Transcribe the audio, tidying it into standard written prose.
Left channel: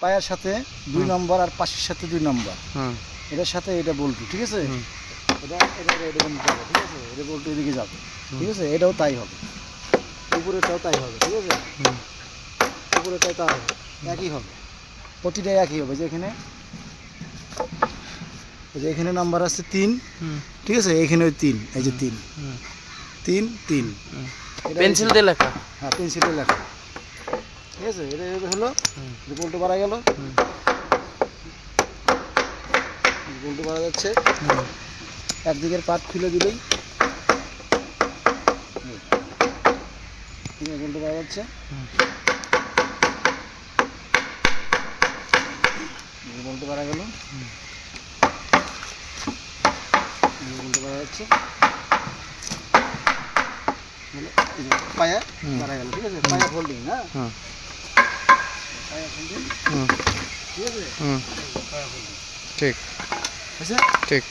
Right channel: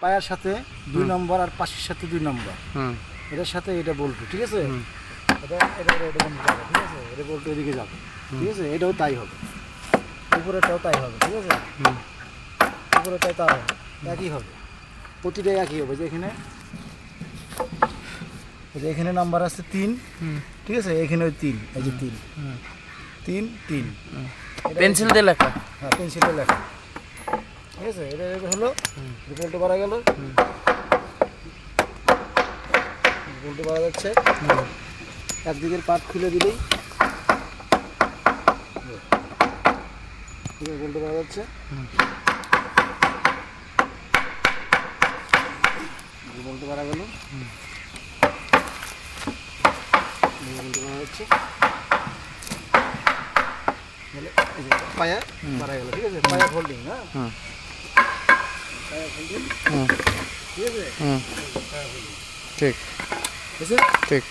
পায়ার সাথে 2 নম্বর আর পাশের সাথে 2 নম্বর, এটার সাথে এটা বলবো, ঠিক আছে? এটা এটা এটা বন্ধ করবো, ঠিক আছে? এটা বলতে ওদিকে যাবে, ঠিক আছে? এটাও তাই হবে, উপরেটাও তাই হবে, ঠিক আছে? উপরেটাও তাই হবে, একই হবে, প্রতিটাই একই হবে। যে এখানে এখানে নাম্বার আছে 3, ঠিক আছে? এখানে 3, এই যে 3 3 3 পেন্সিল দিয়ে লেখা। হ্যাঁ, পেন্সিলে লেখা, ঠিক আছে? এটা হলো উল্টো বাড়া গেল, উল্টো বাড়া যাচ্ছে। একদিকের পাট খুলে দিলেই উল্টো বাড়া যাচ্ছে, উল্টো বাড়া গেল, উল্টো বাড়া যাচ্ছে, পায়া বাড়া গেল, ঠিক আছে? পায়া ফোল্ডিং, হ্যাঁ, পায়া ফোল্ডিং, ঠিক আছে? ঠিক আছে ঠিক।